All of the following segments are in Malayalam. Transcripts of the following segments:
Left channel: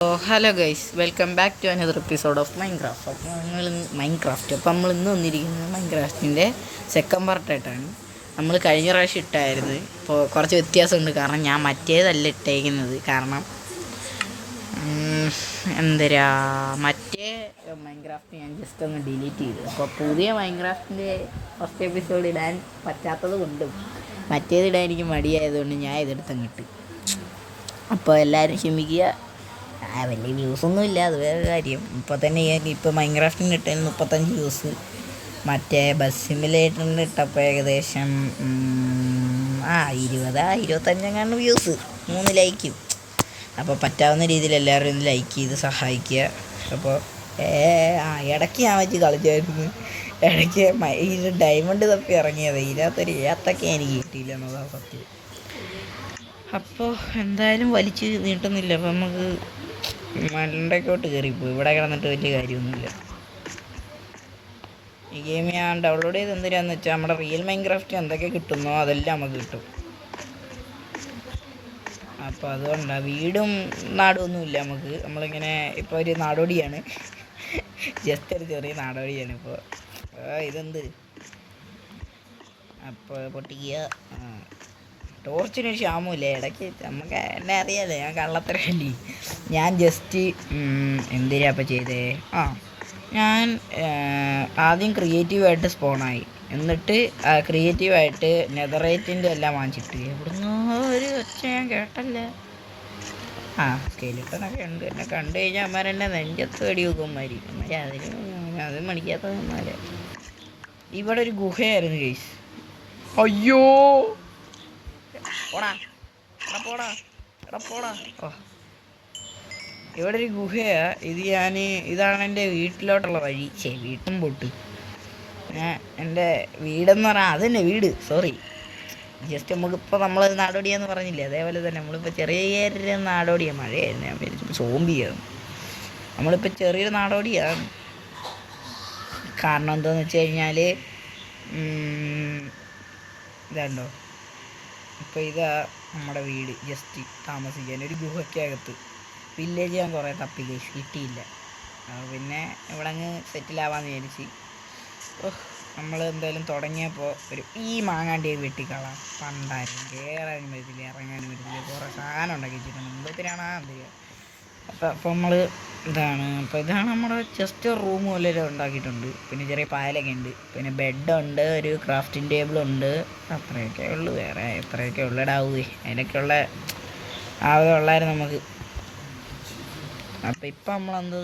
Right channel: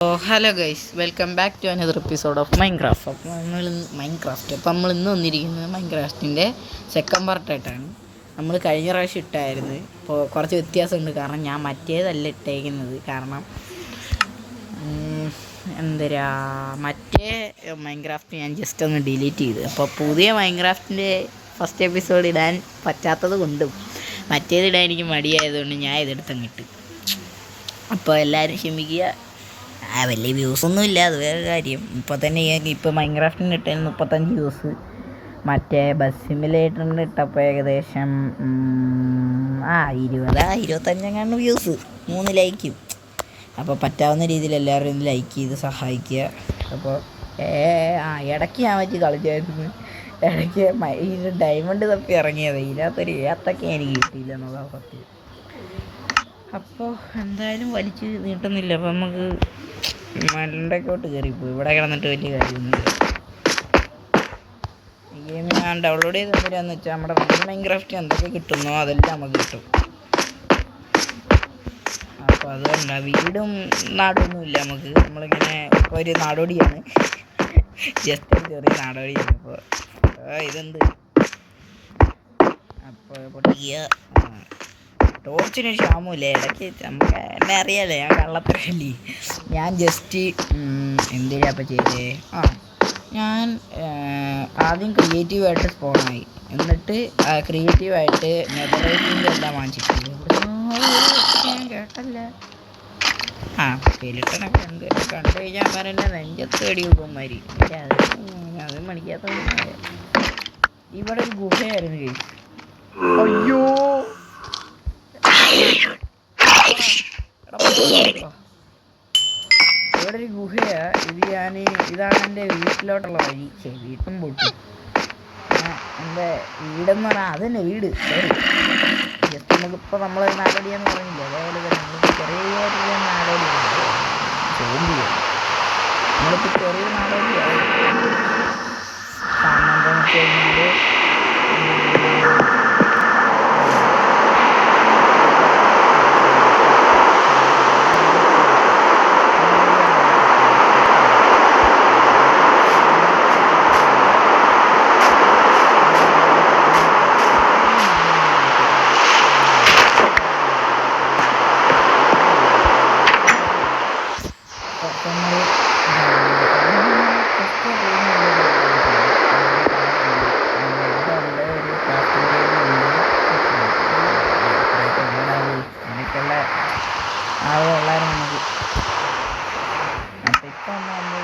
Hello guys, welcome back to another episode of Minecraft. അപ്പോൾ നമ്മൾ ഇന്ന് വന്നിരിക്കുന്നത് മൈൻക്രാഫ്റ്റിൻ്റെ സെക്കൻഡ് പാർട്ടായിട്ടാണ്. നമ്മൾ കഴിഞ്ഞ പ്രാവശ്യം ഇട്ടായിരുന്നു. ഇപ്പോൾ കുറച്ച് വ്യത്യാസമുണ്ട്, കാരണം ഞാൻ മറ്റേതല്ല ഇട്ടേക്കുന്നത്. കാരണം എന്തരാ മറ്റേ മൈൻക്രാഫ്റ്റ് ഞാൻ ജസ്റ്റ് ഒന്ന് ഡിലീറ്റ് ചെയ്തു. അപ്പോൾ പുതിയ മൈൻക്രാഫ്റ്റിൻ്റെ ഫസ്റ്റ് എപ്പിസോഡ് ഇടാൻ പറ്റാത്തത് കൊണ്ടും മറ്റേതിടാൻ എനിക്ക് മടിയായതുകൊണ്ട് ഞാൻ ഇതെടുത്തങ്ങിട്ട്. അപ്പോൾ എല്ലാവരും ക്ഷമിക്കുക. വലിയ വ്യൂസൊന്നും ഇല്ല, അത് വേറെ കാര്യം. ഇപ്പോൾ തന്നെ ഇപ്പോൾ മൈൻക്രാഫ്റ്റിന് ഇട്ടതിന് 35 വ്യൂസ്. മറ്റേ ബസ് സിമുലേറ്ററിന് ഇട്ടപ്പോൾ ഏകദേശം 25 വ്യൂസ്, 3 ലൈക്കും. അപ്പോൾ പറ്റാവുന്ന രീതിയിൽ എല്ലാവരും ഒന്ന് ലൈക്ക് ചെയ്ത് സഹായിക്കുക. അപ്പോൾ ഇടയ്ക്ക് ഞാൻ വെച്ച് കളിച്ചായിരുന്നു. ഇടയ്ക്ക് ഈ ഡയമണ്ട് തപ്പി ഇറങ്ങിയത്, ഇതിനകത്തൊരു ഏത്തൊക്കെ എനിക്ക് കിട്ടിയില്ല എന്നതാണ് സത്യം. അപ്പോൾ എന്തായാലും വലിച്ച് നീട്ടുന്നില്ല. അപ്പോൾ നമുക്ക് മണ്ടക്കോട്ട് കയറിപ്പോയി. ഇവിടെ കിടന്നിട്ട് വലിയ കാര്യമൊന്നുമില്ല. ഈ ഗെയിം ഞാൻ ഡൗൺലോഡ് ചെയ്ത് എന്തിനാന്ന് വെച്ചാൽ നമ്മുടെ റിയൽ മൈൻക്രാഫ്റ്റ് എന്തൊക്കെ കിട്ടുന്നോ അതെല്ലാം നമുക്ക് കിട്ടും. അപ്പോൾ അതുകൊണ്ടാണ് വീടും നാടൊന്നുമില്ല നമുക്ക്. നമ്മളിങ്ങനെ ഇപ്പോൾ ഒരു നാടോടിയാണ്, ജസ്റ്റ് ഒരു ചെറിയ നാടോടിയാണ്. ഇപ്പോൾ ഇതെന്ത് അപ്പോൾ പൊട്ടിക്കുക. ടോർച്ചിനൊരു ക്ഷാമമില്ല. ഇടയ്ക്ക് നമുക്ക് എന്നെ അറിയാമല്ലോ, ഞാൻ കള്ളത്തരല്ലേ. ഞാൻ ജസ്റ്റ് എന്തിനാ അപ്പം ചെയ്തേ, ഞാൻ ആദ്യം ക്രിയേറ്റീവായിട്ട് സ്പോണായി. എന്നിട്ട് ക്രിയേറ്റീവായിട്ട് നെതറൈറ്റിൻ്റെ എല്ലാം വാങ്ങിച്ചിട്ട് ഞാൻ കേട്ടല്ലേ. സ്കെലിട്ടനൊക്കെ ഉണ്ട്. കണ്ടു കഴിഞ്ഞാൽ അമ്മരെന്നെ നെഞ്ചത്ത് വെടി വെക്കുമാരി. അത് മണിക്കാത്ത. ഇവിടെ ഒരു ഗുഹയായിരുന്നു കേസ്. അയ്യോ, ഇവിടെ ഒരു ഗുഹയാ. ഇതാണ് എൻ്റെ വീട്ടിലോട്ടുള്ള വഴി. വീട്ടും പൊട്ടും. എൻ്റെ വീടെന്ന് പറഞ്ഞാൽ അതന്നെ വീട്. സോറി, ജസ്റ്റ് നമുക്കിപ്പോൾ നമ്മൾ നാടോടിയെന്ന് പറഞ്ഞില്ലേ, അതേപോലെ നമ്മളിപ്പോൾ ചെറിയ നാടോടിയാണ്. സോംബിയാണ് നമ്മളിപ്പോൾ ചെറിയൊരു നാടോടിയാണ്. കാരണം എന്താണെന്ന് വെച്ച് കഴിഞ്ഞാൽ നമ്മൾ ജസ്റ്റ് റൂമുള്ളത് ഉണ്ടാക്കിയിട്ടുണ്ട്. അങ്ങനെ കാലങ്ങളുണ്ട്, ബെഡുണ്ട്, ഒരു ക്രാഫ്റ്റിംഗ് ടേബിളുണ്ട്. ഇത്രയൊക്കെ എവിടെയാവുക, അതിനൊക്കെയുള്ള ആളുകളുള്ളായിരുന്നു നമുക്ക്. അപ്പം ഇപ്പം നമ്മൾ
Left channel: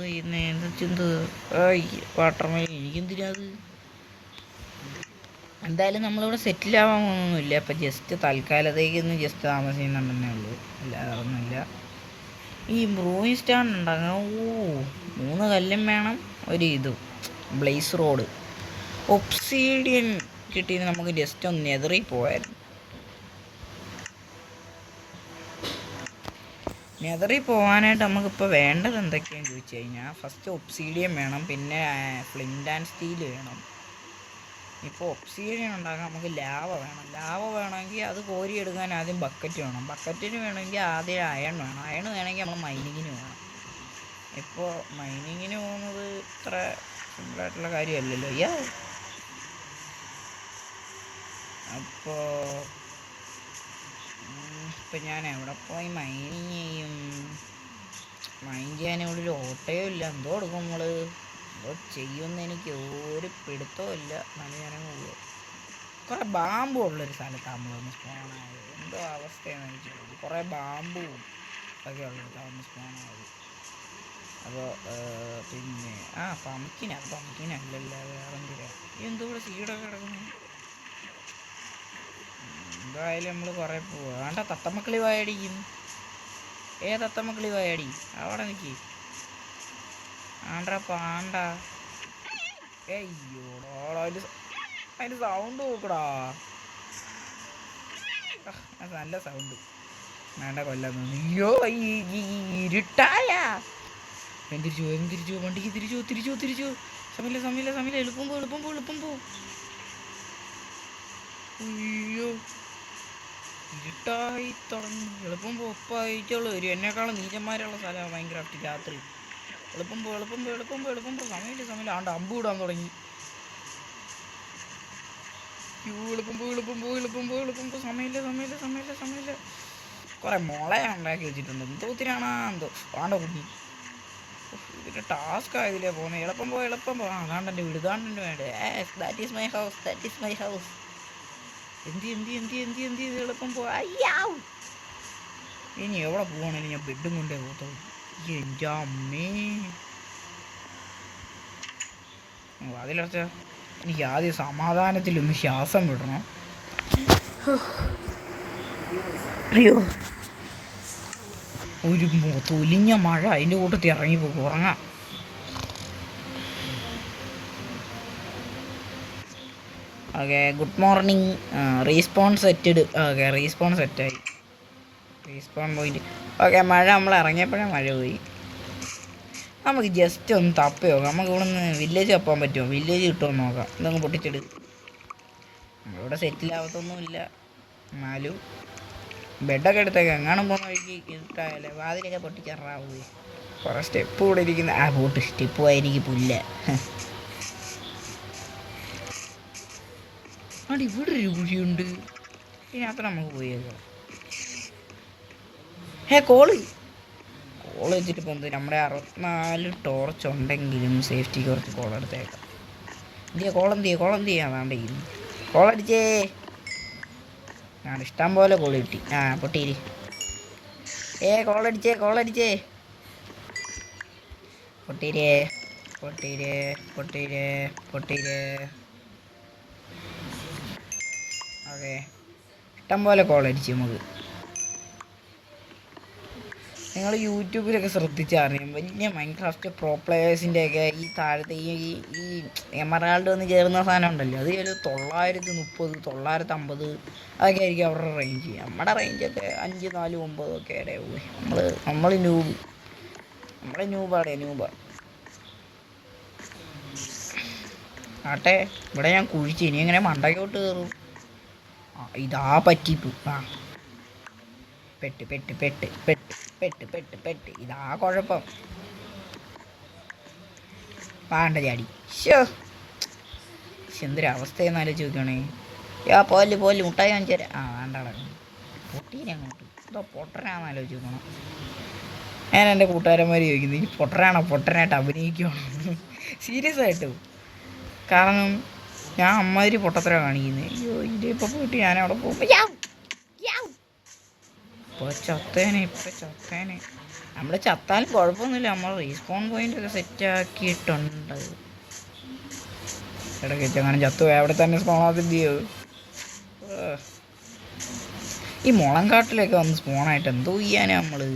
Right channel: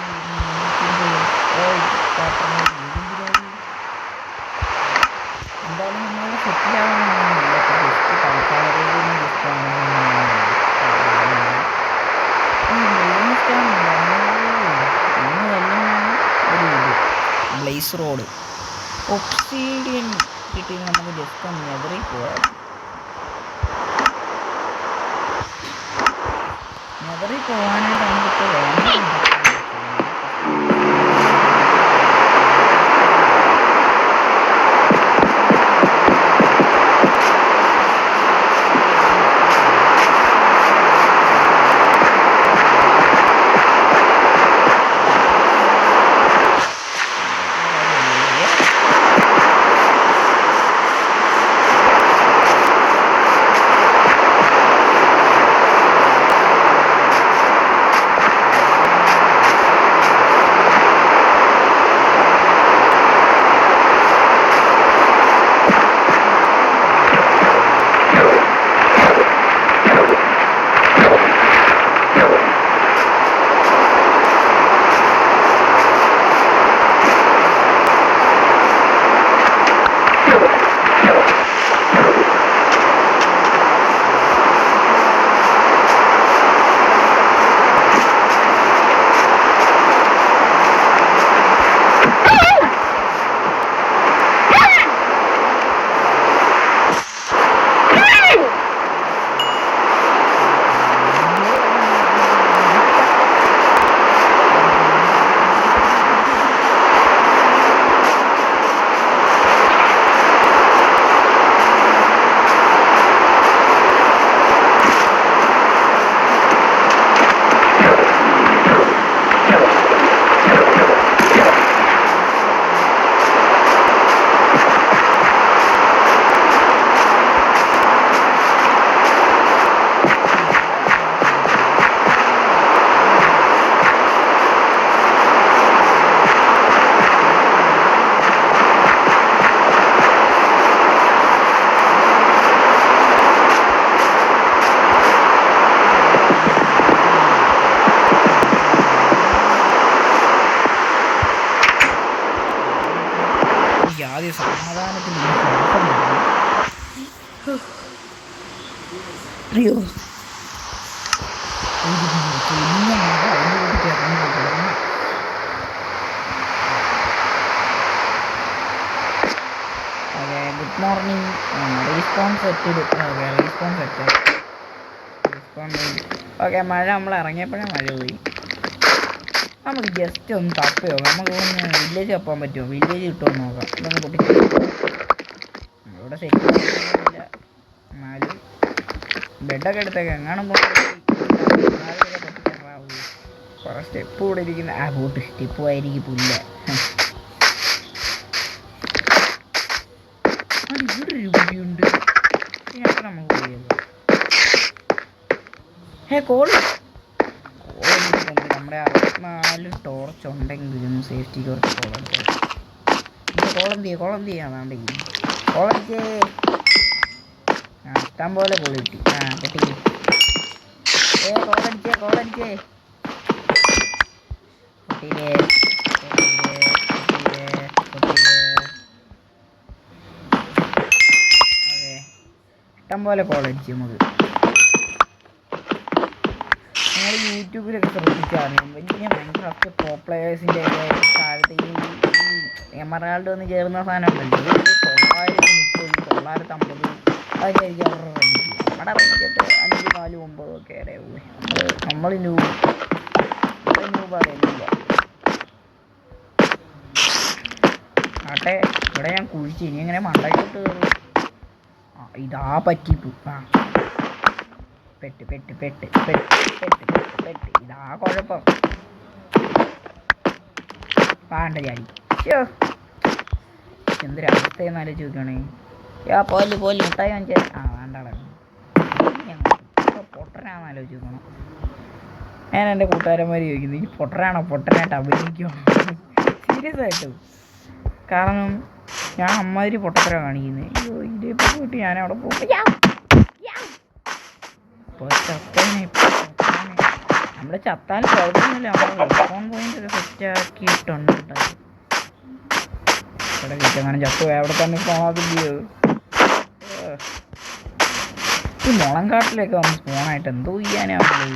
എന്തായാലും നമ്മളിവിടെ സെറ്റിലാവണമെന്നൊന്നുമില്ല. അപ്പം ജസ്റ്റ് തൽക്കാലത്തേക്കൊന്ന് ജസ്റ്റ് ആവണമെന്നുണ്ട്. ഈ ബ്രൂയിങ് സ്റ്റാൻ ഉണ്ടാകുന്നു. 3 കല്ലും വേണം, ഒരു ബ്ലേസ് റോഡ്, ഒബ്സീഡിയൻ കിട്ടി. നമുക്ക് ജസ്റ്റ് ഒന്ന് നെതറിൽ പോയായിരുന്നു. നെതറിൽ പോകാനായിട്ട് നമുക്കിപ്പോൾ വേണ്ടത് എന്തൊക്കെയാണെന്ന് വെച്ച് കഴിഞ്ഞാൽ ആദ്യം സമാധാനത്തിൽ ഒന്ന് ശ്വാസം കിട്ടണം. അയ്യോ തൊലിഞ്ഞ മഴ അതിൻ്റെ കൂട്ടത്തിൽ ഇറങ്ങി ഉറങ്ങാം. Okay good morning. Respawn setted. Okay respawn സെറ്റായി. Respawn point. ഓക്കെ മഴ നമ്മൾ ഇറങ്ങിയപ്പോഴേ മഴ പോയി. നമുക്ക് ജസ്റ്റ് ഒന്ന് തപ്പി നോക്കാം. നമുക്ക് ഇവിടെ നിന്ന് വില്ലേജ് തപ്പാൻ പറ്റുമോ? വില്ലേജ് കിട്ടുമോ നോക്കാം. ഇതൊന്ന് പൊട്ടിച്ചെടുക്കും. ഇവിടെ സെറ്റ് ആയിട്ടൊന്നുമില്ല. എന്നാലും ബെഡൊക്കെ എടുത്തേക്ക് എങ്ങാനും പോകാതൊക്കെ പൊട്ടിച്ചറാവൂ. കുറേ സ്റ്റെപ്പ് കൂടെ ഇരിക്കുന്ന ബോട്ട് സ്റ്റെപ്പ് ആയിരിക്കും പുല്ല. ഇവിടെ ഒരു കുഴിയുണ്ട്. ഇതിനൊക്കെ നമുക്ക് പോയത് കോളെടുത്തിട്ട് നമ്മുടെ 64 ടോർച്ച് ഉണ്ടെങ്കിലും സേഫ്റ്റി കുറച്ച് കോളെടുത്തത്. കോളം ചെയ്യാതാണ്ട് കോളടിച്ചേ. ഇഷ്ടം പോലെ കോള് കിട്ടി. പൊട്ടി കോളടിച്ചേ പൊട്ടിയില്ലേ. അതെ ഇഷ്ടം പോലെ കോളടിച്ചു. നമുക്ക് നിങ്ങൾ യൂട്യൂബിലൊക്കെ ശ്രദ്ധിച്ചറിയാം വലിയ മൈൻക്രാഫ്റ്റ് പ്രോ പ്ലേയേഴ്സിൻ്റെയൊക്കെ ഈ താഴത്തെ ഈ എമറാൾഡ് വന്ന് ചേർന്ന സാധനം ഉണ്ടല്ലോ, അത് 930 950 അതൊക്കെ ആയിരിക്കും അവരുടെ റേഞ്ച്. നമ്മുടെ റേഞ്ചൊക്കെ 5 4 9 ഒക്കെ ഇടയാവും. നമ്മൾ നൂബാടേന്നില്ല. ആട്ടെ ഇവിടെ ഞാൻ കുഴിച്ച് ഇനി എങ്ങനെ മണ്ടയ്ക്കോട്ട് കയറും? ഇതാ പറ്റിപ്പു. പെട്ട് ഇതാ കുഴപ്പം. വേണ്ട ചാടി. എന്തൊരവസ്ഥയെന്ന് ആലോചിച്ച് നോക്കുകയാണേ. പോലെ മുട്ടായി വാങ്ങിച്ചാൽ വേണ്ടാടാ. പൊട്ടനാന്ന് ആലോചിച്ച് നോക്കണം. ഞാൻ എൻ്റെ കൂട്ടുകാരന്മാർ ചോദിക്കുന്നത് ഈ പൊട്ടനായിട്ട് അഭിനയിക്കുവാണ് സീരിയസ് ആയിട്ട്. കാരണം ഞാൻ അമ്മാതിരി പൊട്ടത്തര കാണിക്കുന്നത്. അയ്യോ ഇതിപ്പോൾ പോയിട്ട് ഞാനവിടെ പോകുമ്പോൾ നമ്മൾ ചത്താൽ കുഴപ്പമൊന്നുമില്ല. നമ്മൾ റെസ്പോൺ പോയിന്റ് ഒക്കെ സെറ്റാക്കിയിട്ടുണ്ട്. ഇവിടെ കിട്ടങ്ങനെ ചത്തു അവിടെ തന്നെ സ്പോണാക്കില്ലയോ. ഈ മുളങ്കാട്ടിലൊക്കെ വന്ന് സ്പോണായിട്ട് എന്തോ ചെയ്യാനാ നമ്മൾ.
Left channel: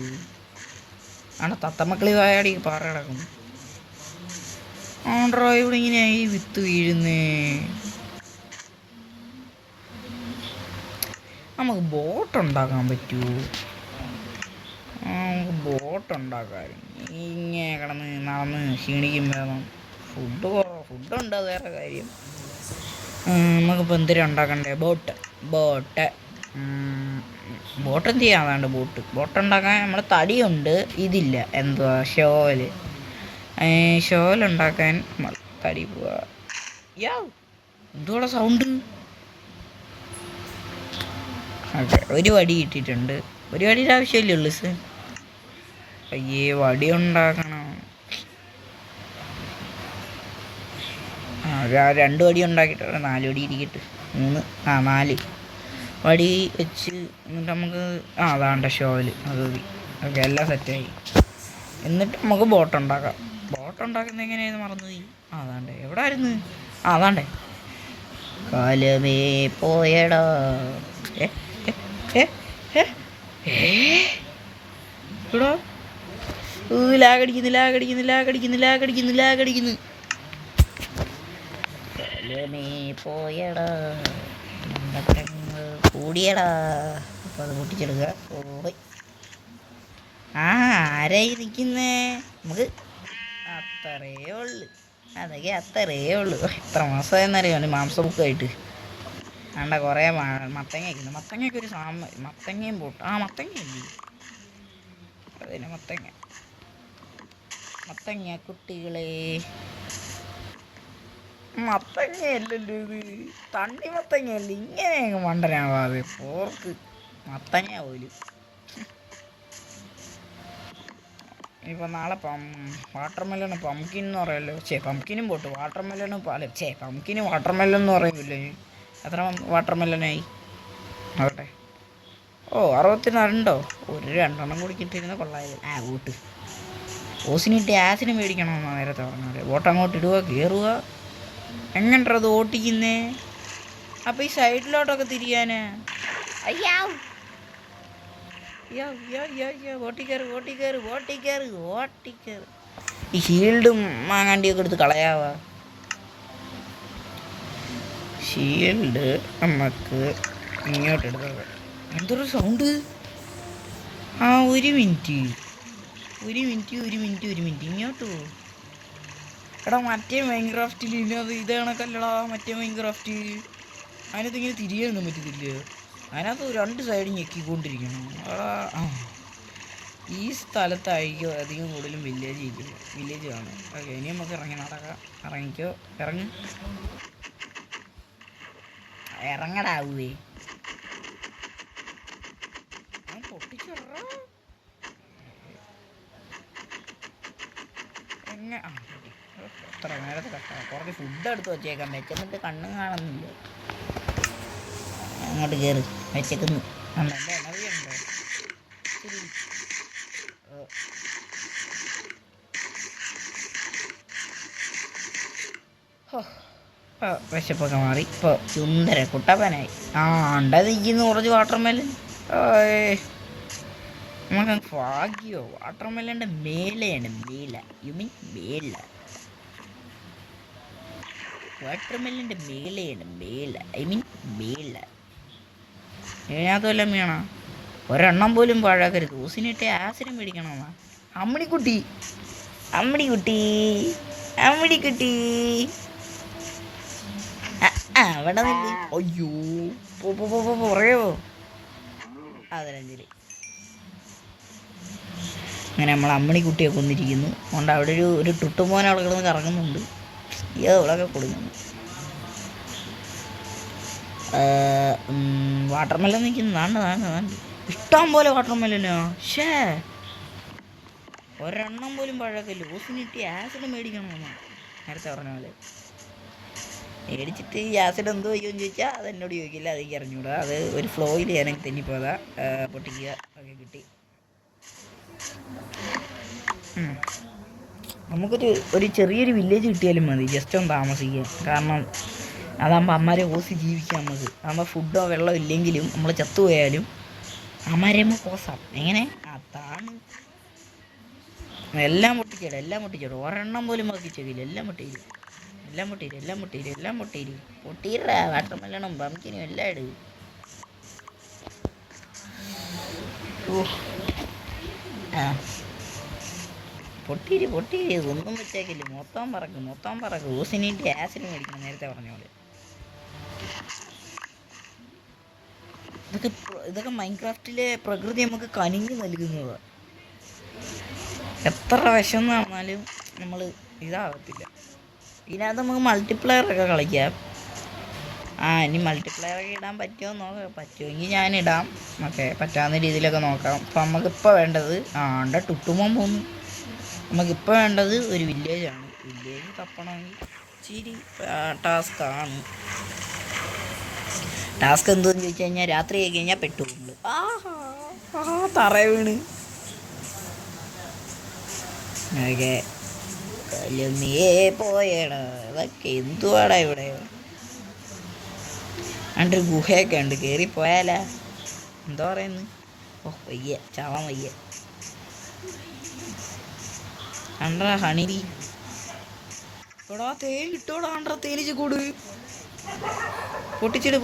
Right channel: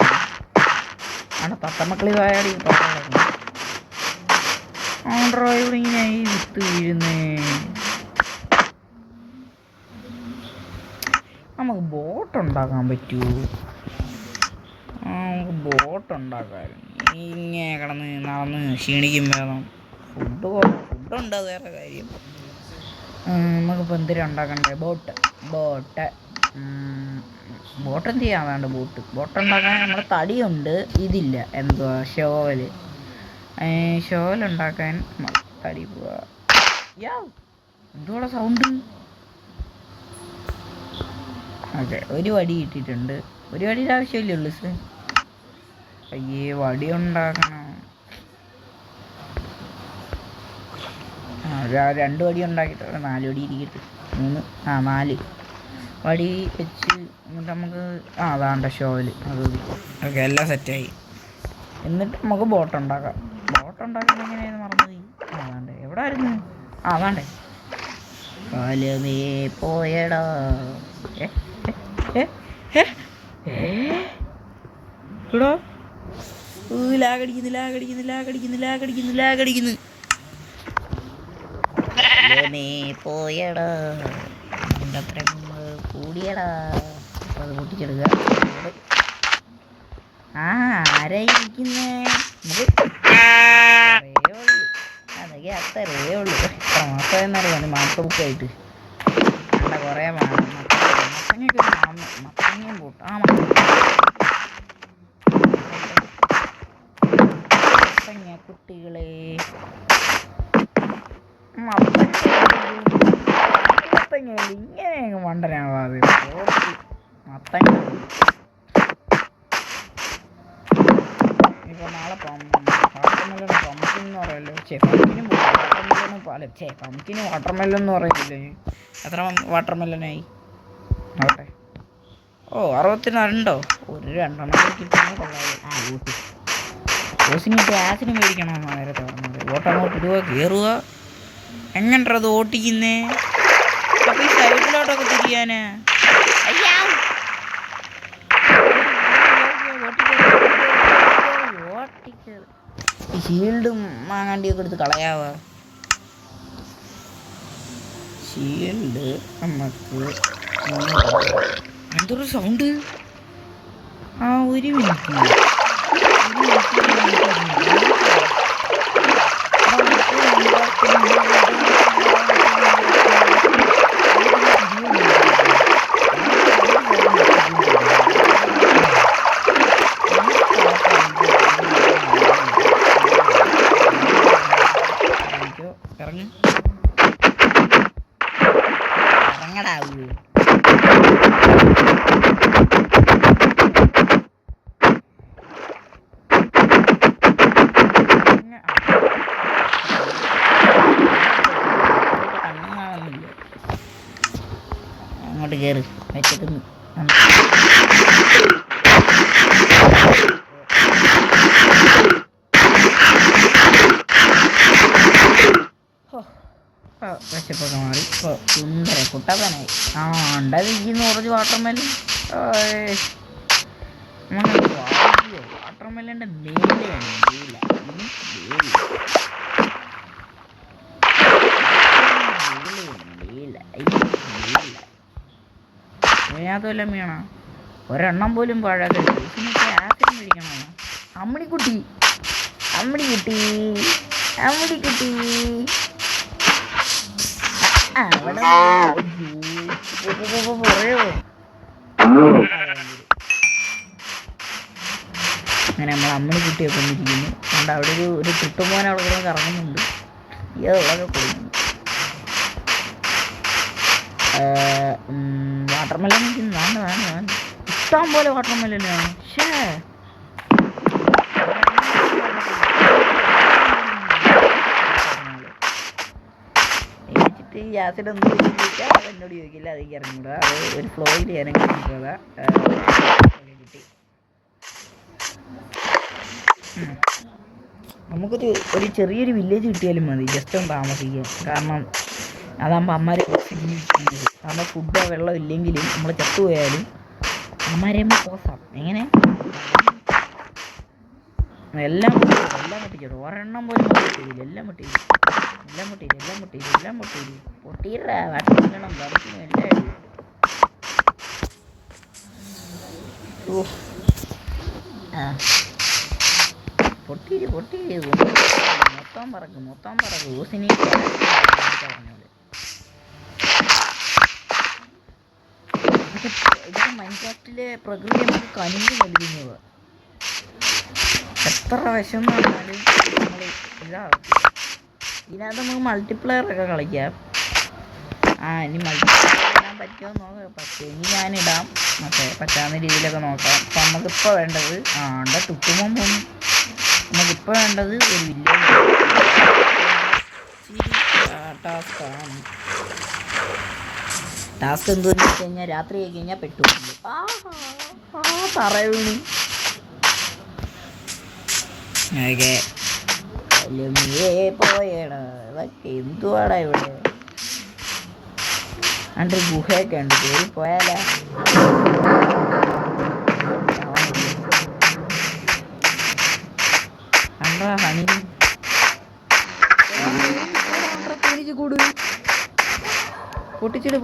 അവിടെ തത്തമക്കളി വായാടി പറഞ്ഞു ആണ്ട്രോയിഡ് ഇങ്ങനെ ഈ വിത്ത് വീഴുന്നേ. നമുക്ക് ബോട്ട് ഉണ്ടാക്കാൻ പറ്റുമോ? നമുക്ക് ബോട്ട് ഉണ്ടാക്കാമായിരുന്നു. ഇങ്ങനെ നടന്ന് ക്ഷീണിക്കും വേണം. ഫുഡുണ്ട് അത് വേറെ കാര്യം. നമുക്കിപ്പോൾ എന്തിനാ ഉണ്ടാക്കണ്ടേ? ബോട്ട് എന്ത് ചെയ്യാൻ വേണ്ട? ബോട്ട് ഉണ്ടാക്കാൻ നമ്മുടെ തടിയുണ്ട്, ഇതില്ല. എന്തുവാ ഷോലുണ്ടാക്കാൻ തടി പോവാ. എന്തുവാ സൗണ്ട്? ഓക്കെ ഒരു വടി കിട്ടിയിട്ടുണ്ട്. ഒരു വടിയുടെ ആവശ്യമില്ലേ ഉള്ളു സർ. അയ്യേ വടി ഉണ്ടാക്കണം. 2 വടി ഉണ്ടാക്കിയിട്ടുണ്ട്. 4 വടി ഇരിക്കട്ടെ. 4 വടി വെച്ച് എന്നിട്ട് നമുക്ക് അതാണ്ട ഷോയിൽ അത് മതി. ഓക്കെ എല്ലാം സെറ്റായി. എന്നിട്ട് നമുക്ക് ബോട്ട് ഉണ്ടാക്കാം. ബോട്ട് ഉണ്ടാക്കുന്നത് എങ്ങനെയാണെന്ന് മറന്നുപോയി. അതാണ്ട് എവിടെ ആയിരുന്നു? അതാണ്ടേ കാലമേ പോയടാ. എടാ ലാഗടിക്കുന്നു. പോയടാ കൂടിയടാ. അപ്പം അത് പൊട്ടിച്ചെടുക്കുക. ആരായിരിക്കുന്നേ? നമുക്ക് അതൊക്കെ അത്രയേ ഉള്ളൂ. എത്ര മാസം എന്നറിയാം മാംസ ബുക്കായിട്ട്. നമ്മുടെ കുറേ മത്തങ്ങയൊക്കെ മത്തങ്ങയും പോട്ട്. മത്തങ്ങ കുട്ടികളെ മത്തങ്ങയല്ല ഇങ്ങനെ മണ്ടനാവാതെ പോട്ട് മത്തങ്ങ പോലും. ഇപ്പോൾ നാളെ വാട്ടർമെല്ലൺ പംകിൻ എന്ന് പറയല്ലോ. പംകിനും പോട്ടെ. പംകിനും വാട്ടർമെല്ലൺ എന്ന് പറയുന്നില്ലേ? എത്ര വാട്ടർമെല്ലനായി? ആവട്ടെ. 62 ഒരു 2 കിട്ടുന്ന കൊള്ളാതെ. കൂട്ടി ഓസിനിട്ട് ആസിന് മേടിക്കണമെന്നാണ് നേരത്തെ പറഞ്ഞത്. ബോട്ട് അങ്ങോട്ട് ഇടുക, കയറുക, എങ്ങനത് ഓട്ടിക്കുന്നേ? അപ്പൊ ഈ സൈഡിലോട്ടൊക്കെ തിരിയാനാ? അയ്യാ ഈ ഷീൽഡും മാങ്ങാണ്ടിയൊക്കെ എടുത്ത് കളയാവാ. ഷീൽഡ് നമുക്ക് എന്തൊരു സൗണ്ട്. ആ ഒരു മിനിറ്റ് ഇറങ്ങടാവേ. കണ്ണും കാണുന്നില്ല. അങ്ങോട്ട് കയറി വെച്ചേക്കുന്നു. വിശപ്പൊക്കെ മാറി. ഇപ്പോൾ സുന്ദര കുട്ടപ്പനായി. ആ ഉണ്ടതിരിക്കുന്നു കുറച്ച് വാട്ടർമെലൻ. വാട്ടർമെലൻ്റെ മേലെയാണ് മേല. ഇതിനകത്ത് വല്ലതും വേണം. ഒരെണ്ണം പോലും പാഴാക്കരുത്. ജ്യൂസിനൊക്കെ ആസിഡ് മേടിക്കണോ? അമ്മിണിക്കുട്ടി അവിടെ പറയോ. അങ്ങനെ നമ്മൾ അമ്മിണിക്കുട്ടിയെ കൊണ്ടിരിക്കുന്നു. അതുകൊണ്ട് അവിടെ ഒരു തുട്ടുമോൻ അവിടെ കൂടെ കറങ്ങുന്നുണ്ട്. ഇതൊക്കെ കൊടുക്കുന്നു. വാട്ടർമെലൻ നിൽക്കുന്നു. ഇഷ്ടം പോലെ വാട്ടർമെലനാ. ഷേ മേടിച്ചിട്ട് ഈ ആസിഡ് എന്ത് ചോദിക്കും ചോദിച്ചാൽ അതെന്നോട് ചോദിക്കില്ല. അതെനിക്ക് അറിഞ്ഞൂടാ. അത് ഒരു ഫ്ലോയിൽ ഞാനെങ്കിൽ എനിക്കതാ കിട്ടി. നമുക്കൊരു ചെറിയൊരു വില്ലേജ് കിട്ടിയാലും മതി, ജസ്റ്റ് ഒന്ന് താമസിക്കാൻ. കാരണം അതാകുമ്പോൾ അമ്മമാരെ ഓഫ് ജീവിച്ചാൽ മതി. അതാകുമ്പോൾ ഫുഡോ വെള്ളം ഇല്ലെങ്കിലും നമ്മൾ ചത്തുപോയാലും അമ്മമാരെ പോസാം. എങ്ങനെ എല്ലാം പൊട്ടിച്ചോടും. ഒരെണ്ണം പോലും പൊട്ടിച്ചില്ല. എല്ലാം പൊട്ടിയില്ല. വാട്ടർമെലനും ബർക്കിനും എല്ലാം ഇടും. പൊട്ടിയിരി മൊത്തം പറക്കും. ഊസിനി പറഞ്ഞോളൂ. ഇതൊക്കെ മൈൻക്രാഫ്റ്റിലെ പ്രകൃതി നമുക്ക് കനിഞ്ഞു നൽകുന്നത്. എത്ര വിഷം എന്ന് പറഞ്ഞാലും നമ്മൾ ഇതാകത്തില്ല. ഇതിനകത്ത് നമുക്ക് മൾട്ടിപ്ലെയറൊക്കെ കളിക്കാം. ഇനി മൾട്ടിപ്ലെയർ ഇടാൻ പറ്റുമോ നോക്കാം. പറ്റുമെങ്കിൽ ഞാനിടാം. പറ്റാവുന്ന രീതിയിലൊക്കെ നോക്കാം. അപ്പം നമുക്കിപ്പോൾ വേണ്ടത് തുട്ടുമ്പോൾ പോകുന്നു. നമുക്കിപ്പോൾ വേണ്ടത് ഒരു വില്ലേജ്. ഇച്ചിരി ടാസ്ക്കാണ്. ടാസ്ക് എന്തെന്ന് വെച്ച് കഴിഞ്ഞാൽ രാത്രി ആയി കഴിഞ്ഞാൽ പെട്ടു തറ വീണു. ഓക്കെ നീയേ പോയടാ. അതൊക്കെ എന്തുവാടാ ഇവിടെ? അണ്ടൊരു ഗുഹയൊക്കെ ഉണ്ട്. കയറി പോയാലാ? അണ്ടാ ഹണി തേനീച്ച് കൂട്. പൊട്ടിച്ചിട്.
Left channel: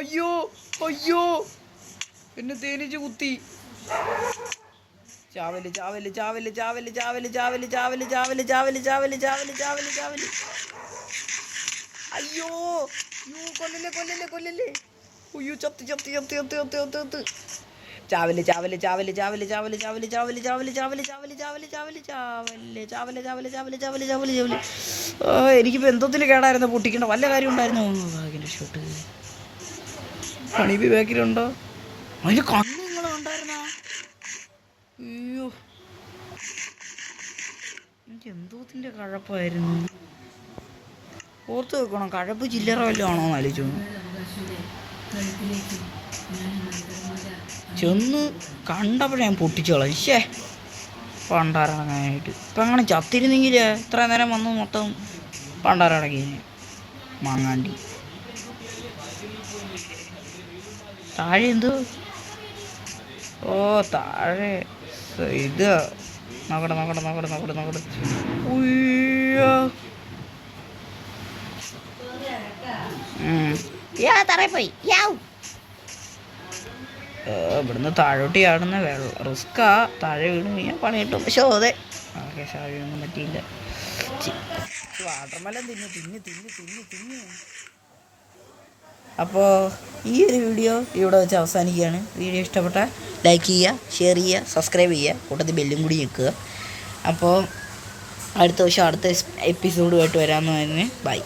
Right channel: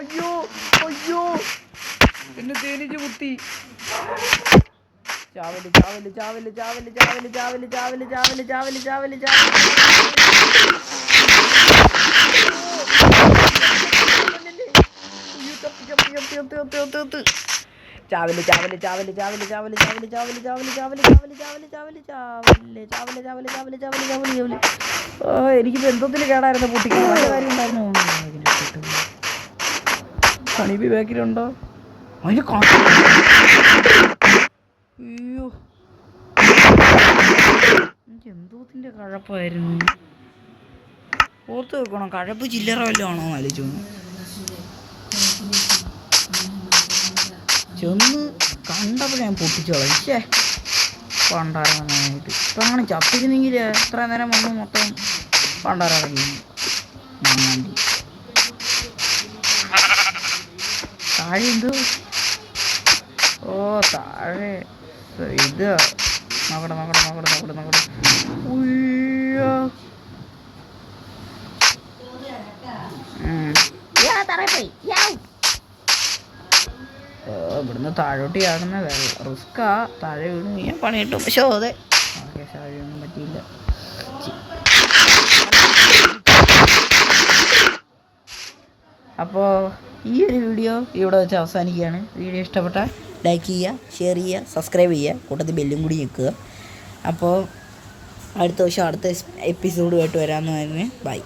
അയ്യോ എന്നെ തേനീച്ച് കുത്തി. ചാവല്. എനിക്ക് ബന്ധത്തിന് കേടായിരുന്നു. പൊട്ടിക്കണം വല്ല കാര്യം ഉണ്ടായിരുന്നു. ഹണിബി ബാക്കിലുണ്ടോ? അതിന് അയ്യോ എനിക്ക് എന്തോത്തിൻ്റെ കഴപ്പായിരുന്നു. ഓർത്ത് വെക്കണം. കഴപ്പ് ചില്ലറ വല്ലതും ആണോ എന്ന് ആലോചിച്ചു. ചെന്ന് കണ്ടപ്പോൾ ഞാൻ പൊട്ടിച്ചു കളയും. പണ്ടാരടങ്ങാനായിട്ട് ഇപ്പം അങ്ങനെ ചത്തിരുന്നെങ്കിൽ എത്ര നേരം വന്നു മൊത്തം പണ്ടാരടങ്ങിയിരുന്നു. മാങ്ങാണ്ടി താഴെ എന്തോ താഴെ ഇത് നോക്കട്ടെ ഉയ്യോ തറയിൽ പോയി. ഇവിടുന്ന് താഴോട്ട് ചാടുന്ന റിസ്ക്കാ. താഴെ വീണ് ഞാൻ പണി കിട്ടും. പക്ഷേ അതെ താഴെ ഒന്നും പറ്റിയില്ല. അപ്പോൾ ഈ ഒരു വീഡിയോ ഇവിടെ വെച്ച് അവസാനിക്കുകയാണ്. വീഡിയോ ഇഷ്ടപ്പെട്ടാൽ ലൈക്ക് ചെയ്യുക, ഷെയർ ചെയ്യുക, സബ്സ്ക്രൈബ് ചെയ്യുക, കൂട്ടത്തിൽ ബെല്ലും കൂടി ഞെക്കുക. അപ്പോൾ അടുത്ത വർഷം അടുത്ത എപ്പിസോഡുമായിട്ട് വരാമെന്ന് തന്നെ. ബൈ.